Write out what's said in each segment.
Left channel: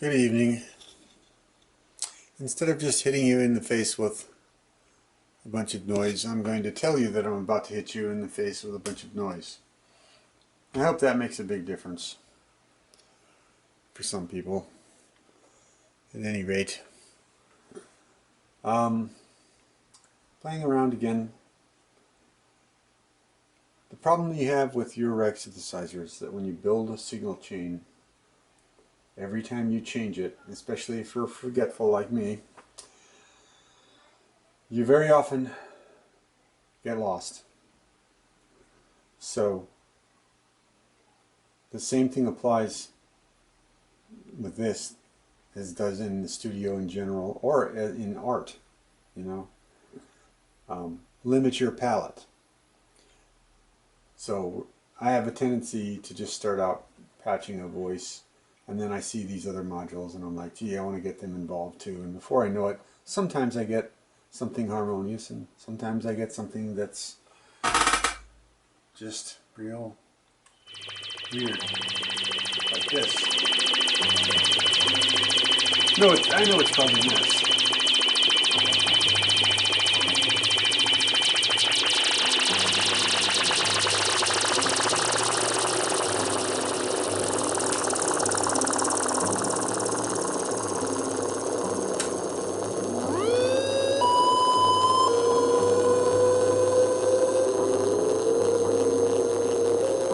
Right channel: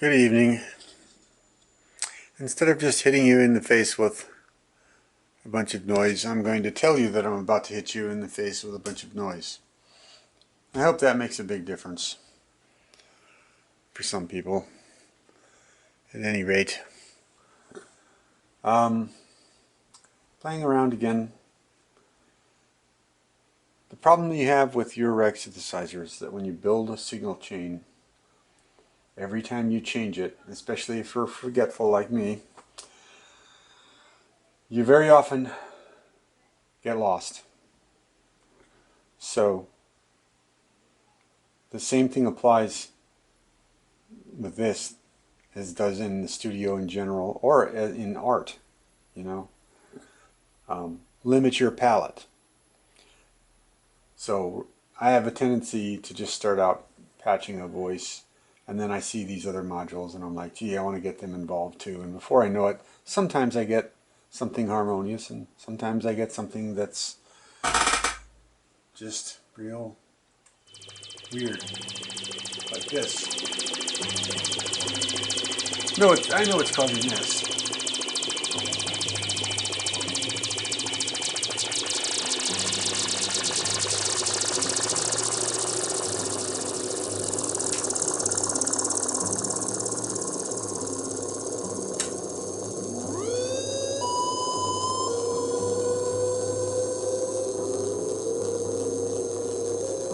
Good evening. Instead of just hitting you in the face with a bunch of noise, I'm going to tell you that I'm about to hit you in the face with a bunch of noise. I hope that makes a big difference for some people. At any rate, playing around again. The problem you have with your rag synthesizer is that when you build a signal chain, every time you change it, especially if you're forgetful like me, you very often get lost. So the same thing applies with this as does in the studio in general, or in art, you know. Limit your palette. So I have a tendency to just start out patching a voice, and then I see these other modules and I'm like, gee, I want to get them involved too. And before I know it, sometimes I get something harmonious and sometimes I get something that's just real weird, like this. No, I know it's causing this.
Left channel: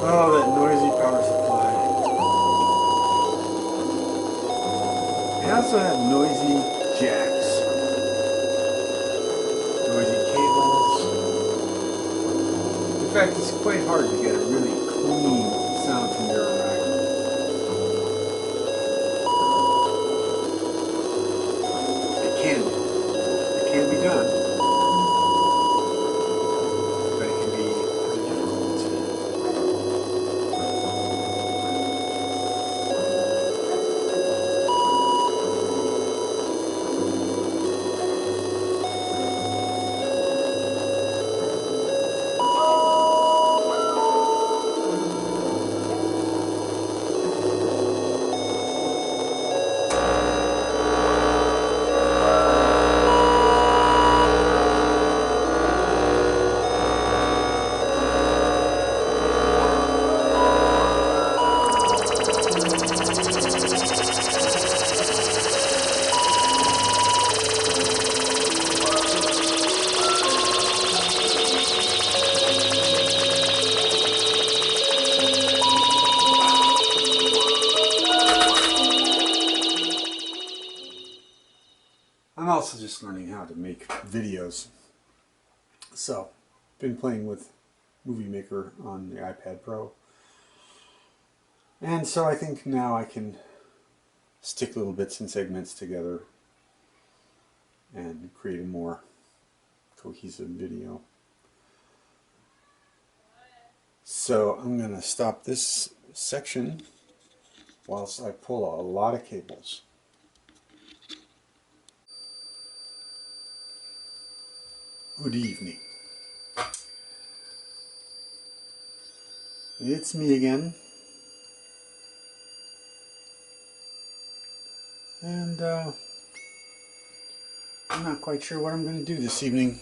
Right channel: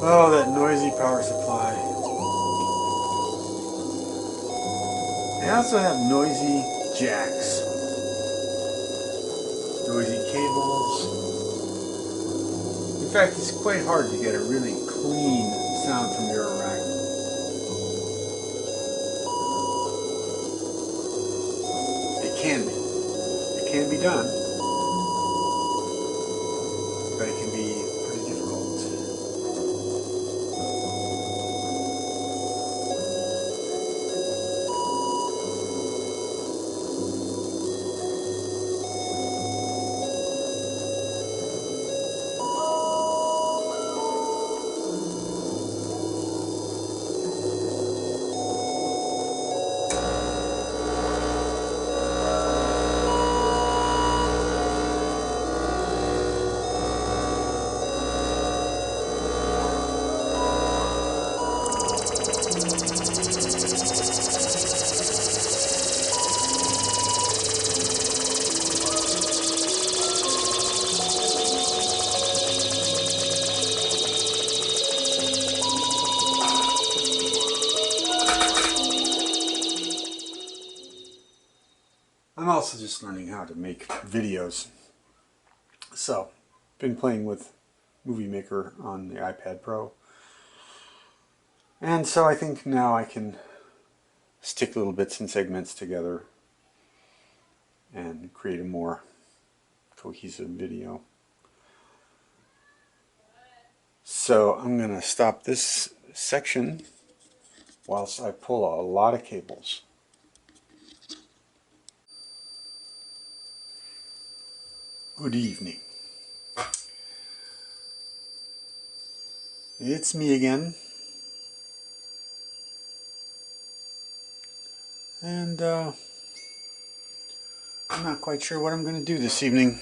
Oh, that noisy power supply. They also have noisy jacks, noisy cables. In fact, it's quite hard to get a really clean sound from your rack. It can be. It can be done, but it can be pretty difficult. I'm also just learning how to make videos. So, been playing with Movie Maker on the iPad Pro. And so I think now I can stick little bits and segments together and create a more cohesive video. So I'm going to stop this section whilst I pull a lot of cables. Good evening. It's me again. And I'm not quite sure what I'm going to do this evening.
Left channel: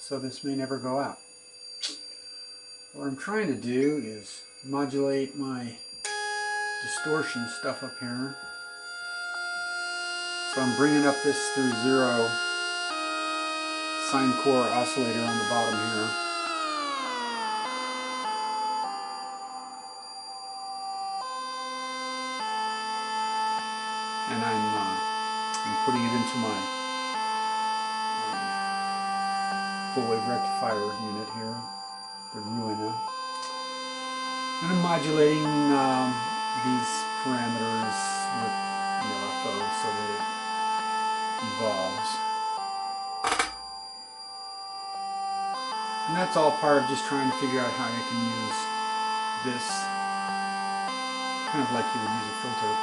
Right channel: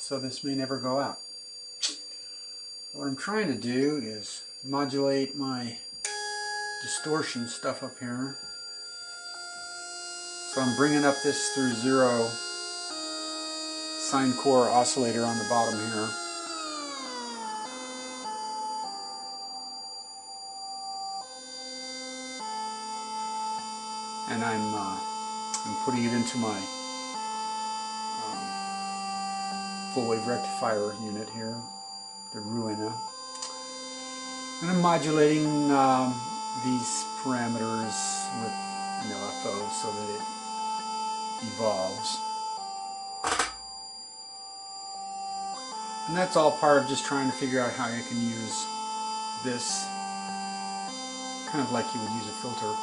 So this may never go out. What I'm trying to do is modulate my distortion stuff up here. So I'm bringing up this through 0 sine core oscillator on the bottom here. And I'm putting it into my full wave rectifier unit here, the Ruina. And I'm modulating these parameters with FO so that it evolves. And that's all part of just trying to figure out how I can use this kind of like you would use a filter.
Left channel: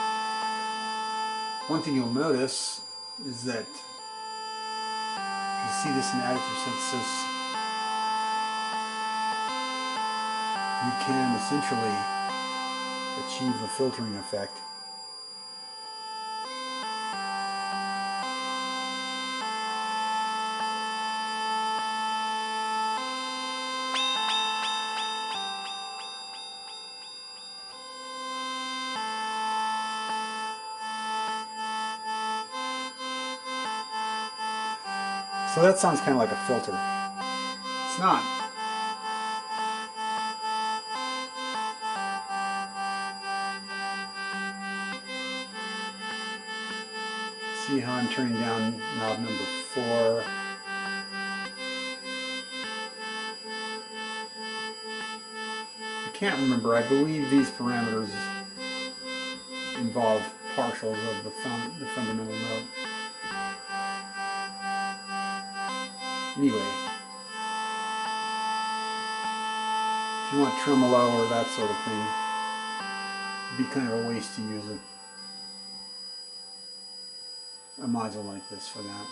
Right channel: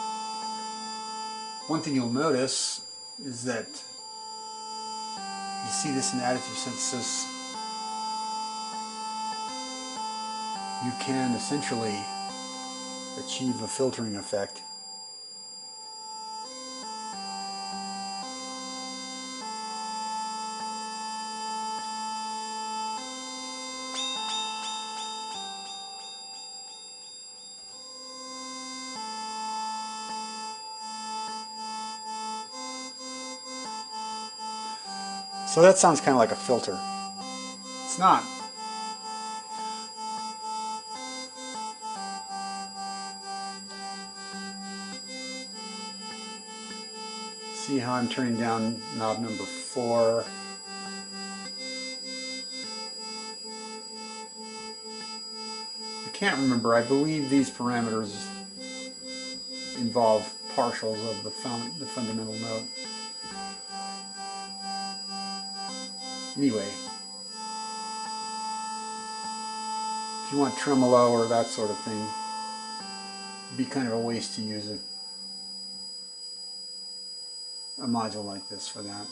One thing you'll notice is that you see this in additive synthesis. You can essentially achieve a filtering effect. So that sounds kind of like a filter. It's not. See how I'm turning down knob number 4. I can't remember. I believe these parameters involve partials of the fundamental note. Anyway, if you want tremolo or that sort of thing, it'd be kind of a waste to use a module like this for that.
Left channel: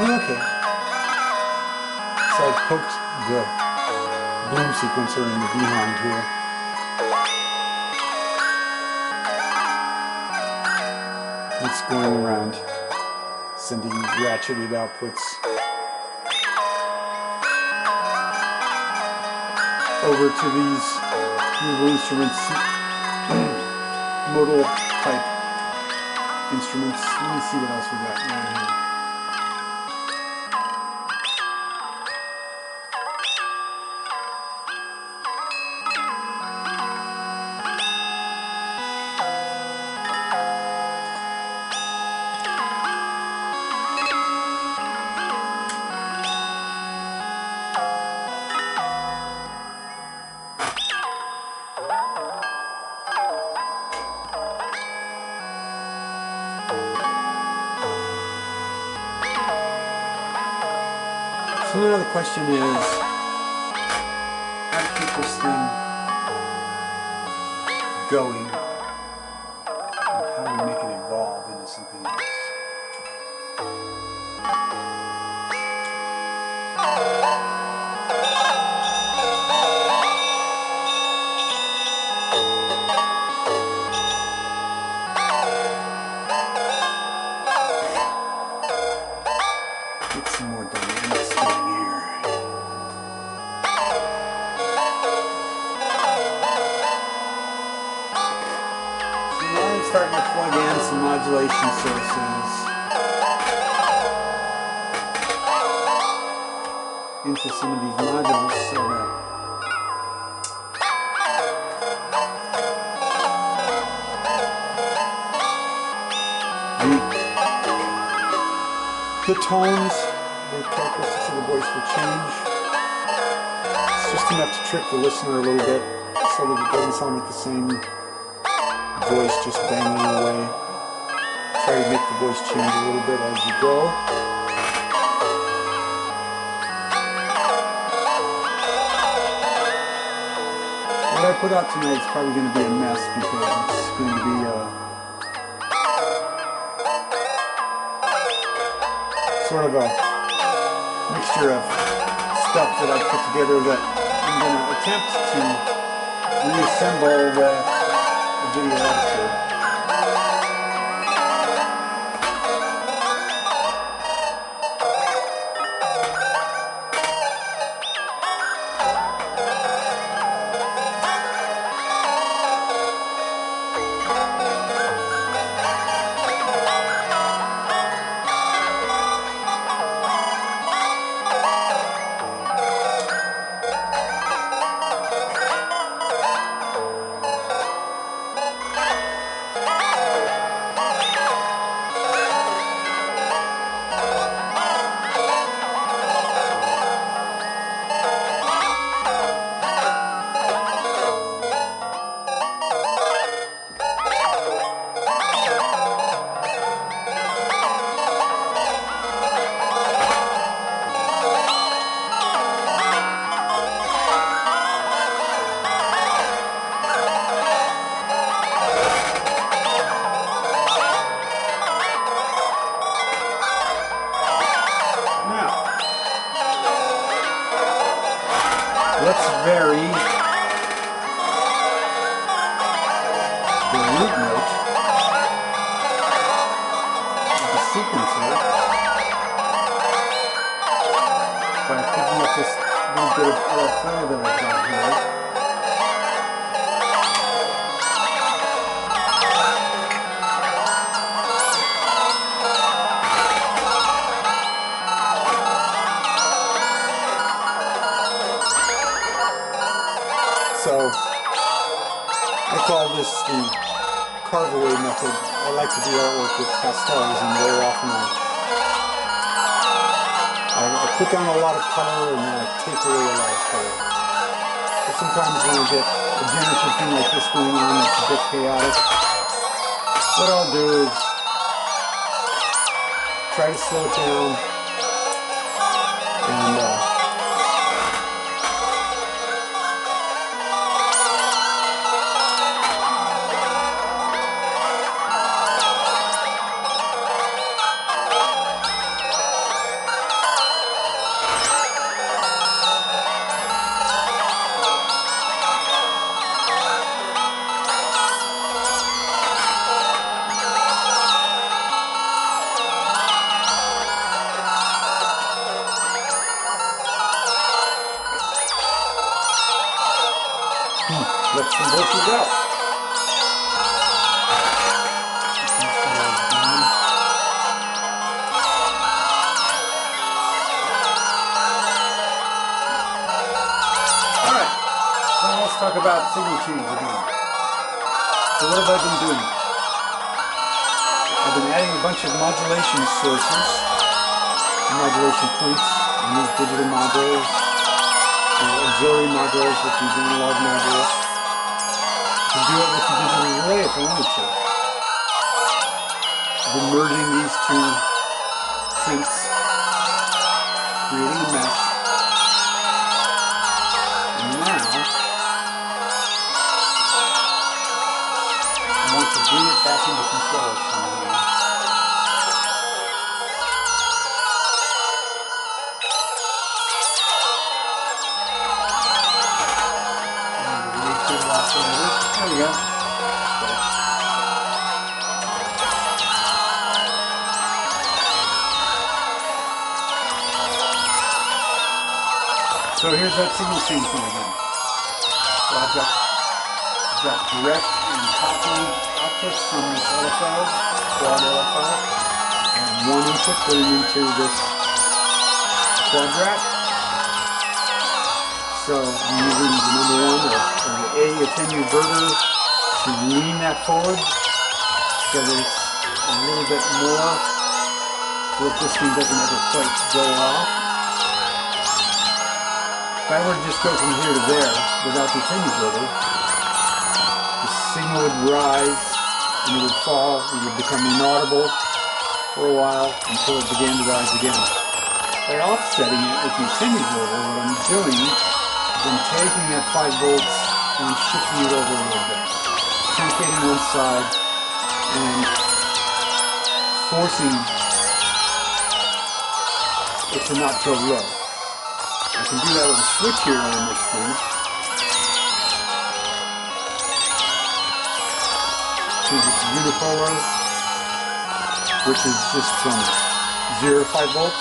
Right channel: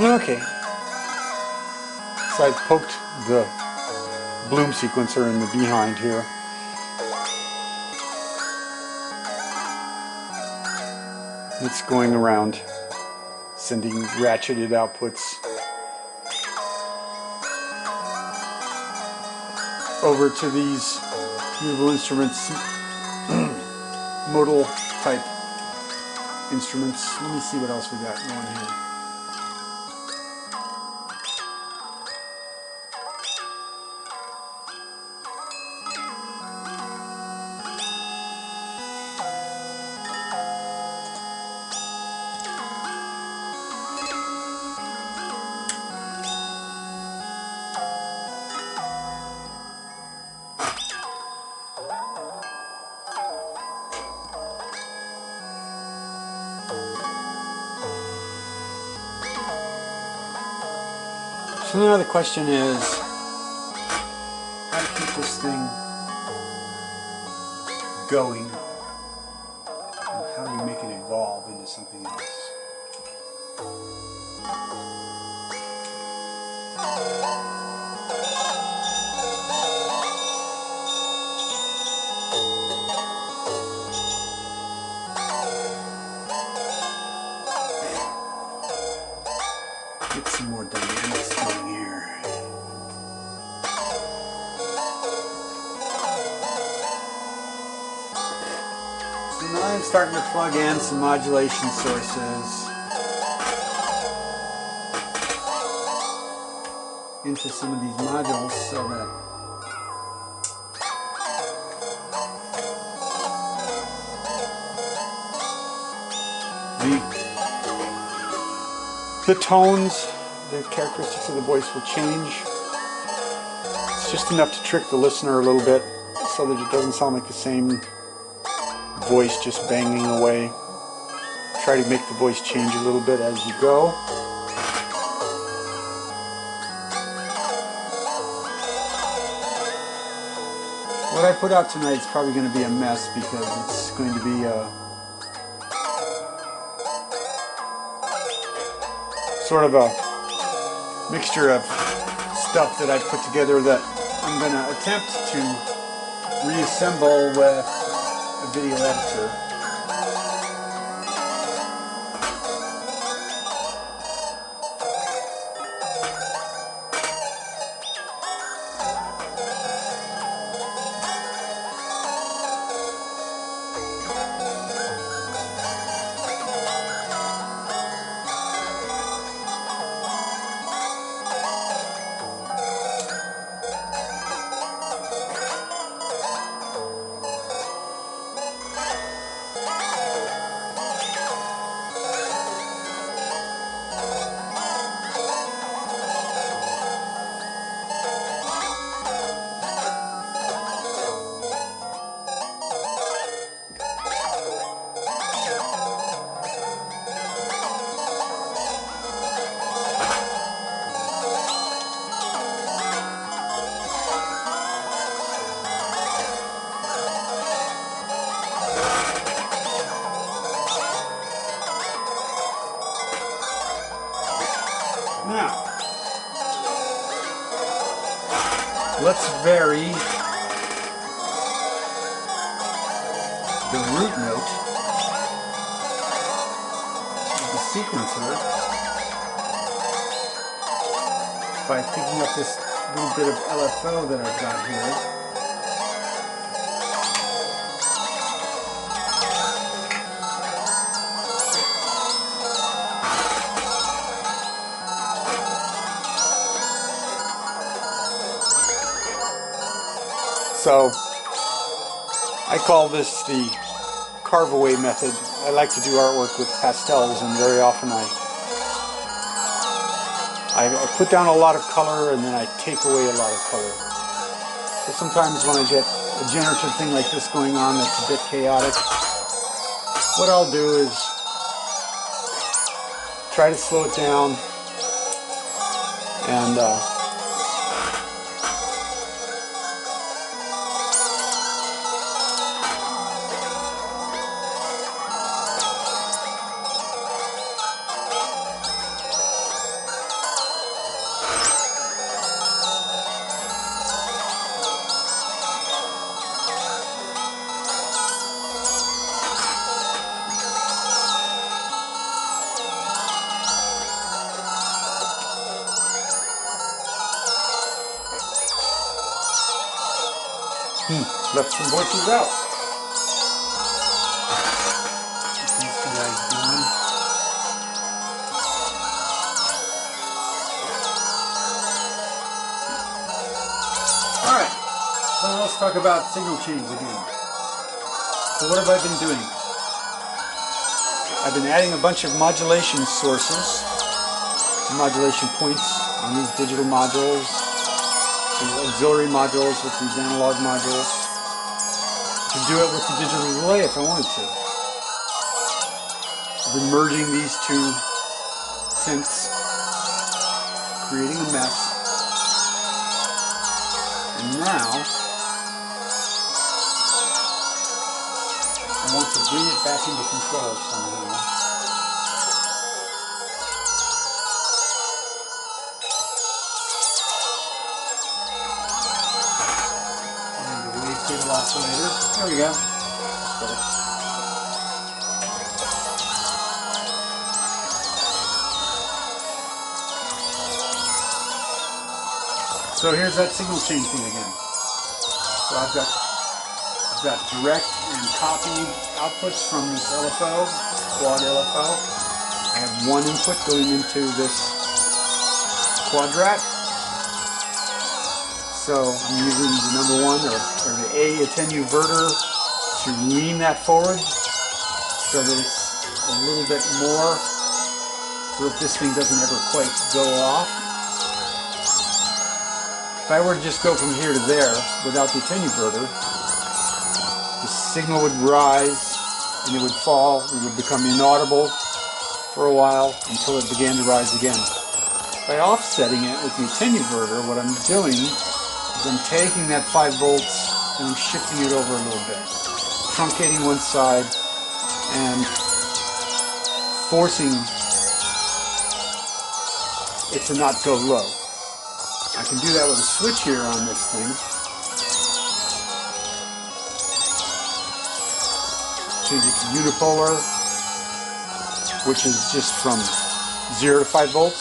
Okay, so I've poked the bloom sequencer in the behind here. It's going around, sending ratcheted outputs over to these musical instruments, modal type instruments. Let me see what else we got going here. So now the question is, how to keep this thing going, and how do we make it evolve into something else? Get some more dynamics going here. So now I'm starting to plug in some modulation sources into some of these modules so that the tones, the characteristics of the voice will change. It's just enough to trick the listener a little bit so that it doesn't sound like the same voice just banging away. Try to make the voice change a little bit as you go. What I put out tonight is probably going to be a mess because it's going to be sort of a mixture of stuff that I put together that I'm going to attempt to reassemble with a video editor. let's vary the root note of the sequencer by picking up this little bit of LFO that I've got here. So I call this the carve away method. I like to do artwork with pastels, and very often I put down a lot of color and then I take away a lot of color. So sometimes when I get a generative thing like this going on that's a bit chaotic, what I'll do is try to slow it down and let some voices out. Alright, so let's talk about signal chains again. So what have I been doing? I've been adding a bunch of modulation sources, modulation points on these digital modules, auxiliary modules with these analog modules. I can do it with the digital relay if I wanted to. I've been merging these two synths, creating a mess. And now I want to bring it back into control somehow. Oscillator. There we go. So here's that signal chain thing again. So I've got direct and copy outputs from this LFO, quad LFO. I have one input going into this quadrat. So I'm using the number one or the A attenuverter to lean that forward so that it's a little bit more, so that this thing doesn't ever quite go off. If I were to just go from here to there without the attenuverter, the signal would rise and it would fall, it would become inaudible for a while until it began to rise again. By offsetting it with the attenuverter, what I'm doing I'm taking that 5 volts and I'm shifting it over a little bit, truncating one side and forcing it to not go low. I can do that with a switch here on this thing. Change it to unipolar, which is just from 0 to 5 volts.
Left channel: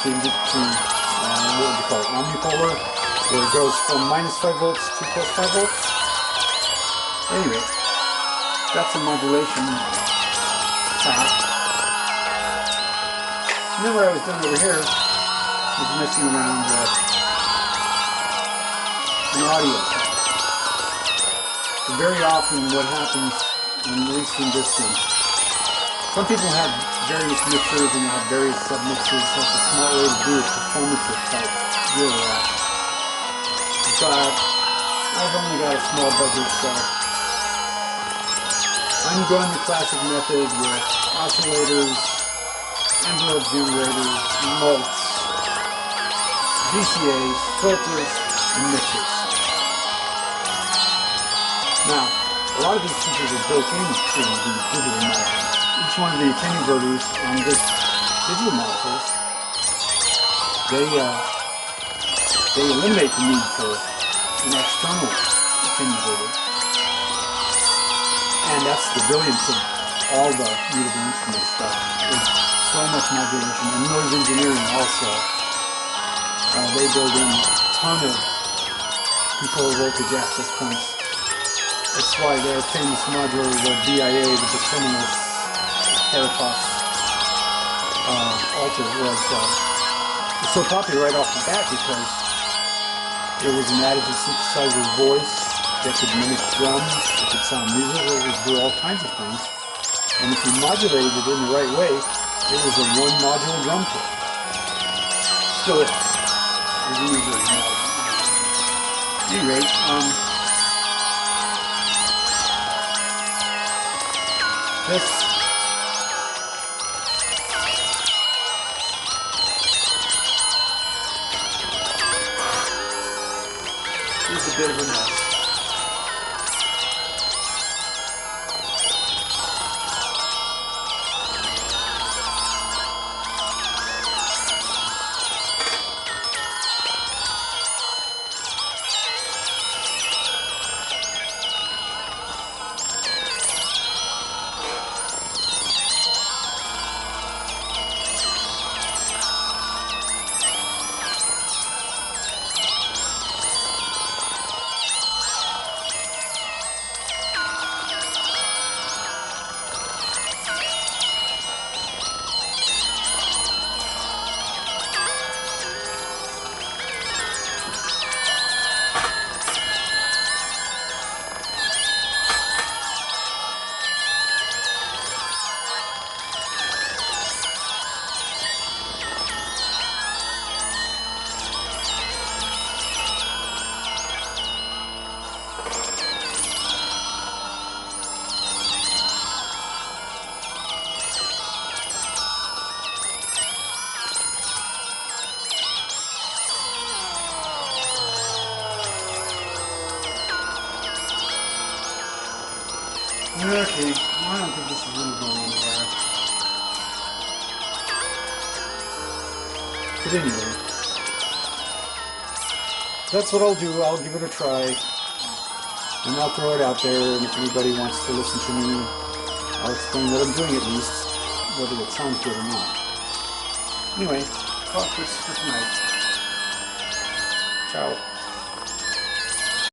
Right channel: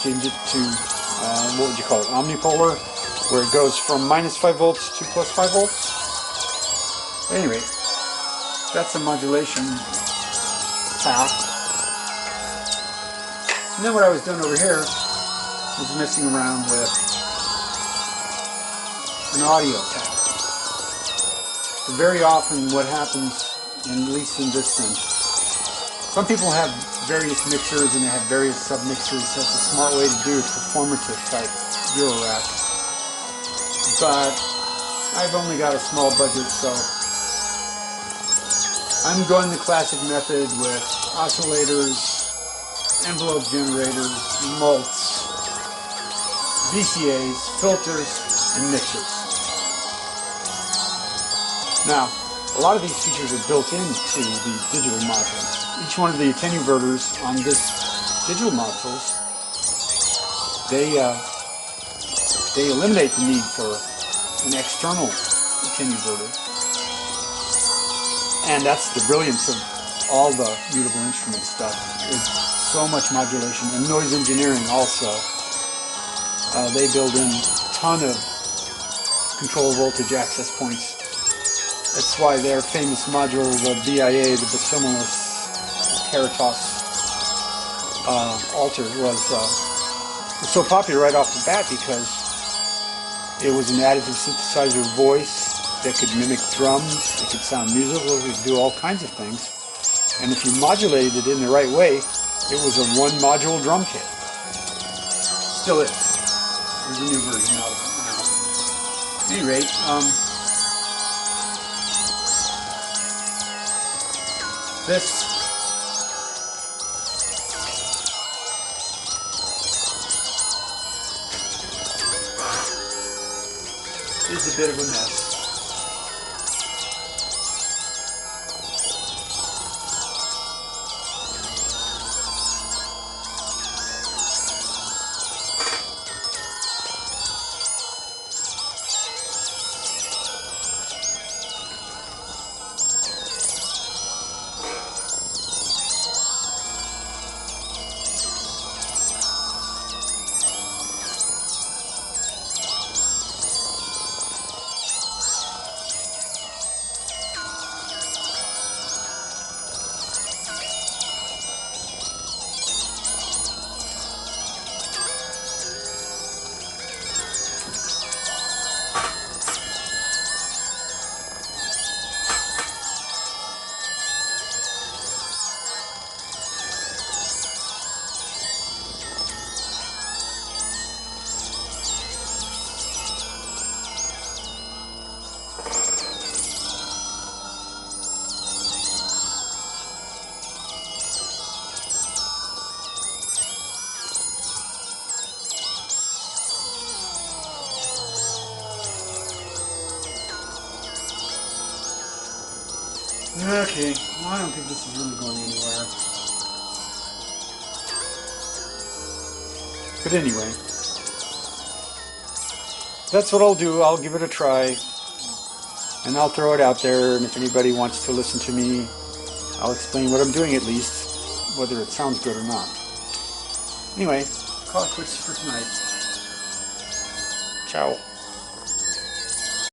Change it to what would you call it, omnipolar, where it goes from minus 5 volts to plus 5 volts. Anyway, that's a modulation path. And then what I was doing over here was messing around with an audio path. So very often what happens, at least in this synth, some people have various mixers and they have various sub-mixers, so it's a smart way to do a performative type Euro rack. But I've only got a small budget, so I'm going the classic method with oscillators, envelope generators, mults, VCAs, filters, and mixers. Now, a lot of these features are built into these digital modules. Each one of the attenuverters on this digital modules, they they eliminate the need for an external attenuator. And that's the brilliance of all the mutable instrument stuff. There's so much modulation, and noise engineering also. They build in a ton of control voltage access points. That's why their famous module, the BIA, the Bosimilis Caritas altar, was so popular right off the bat because it was an additive synthesizer voice that could mimic drums, it could sound musical, it could do all kinds of things. And if you modulated it in the right way, it was a one-module drum kit. Still is. There's a new version of it. At any rate, this is a bit of a mess. Okay, well, I don't think this is really going anywhere. But anyway, that's what I'll do. I'll give it a try. And I'll throw it out there, and if anybody wants to listen to me, I'll explain what I'm doing at least, whether it sounds good or not. Anyway, call it quits for tonight. Ciao.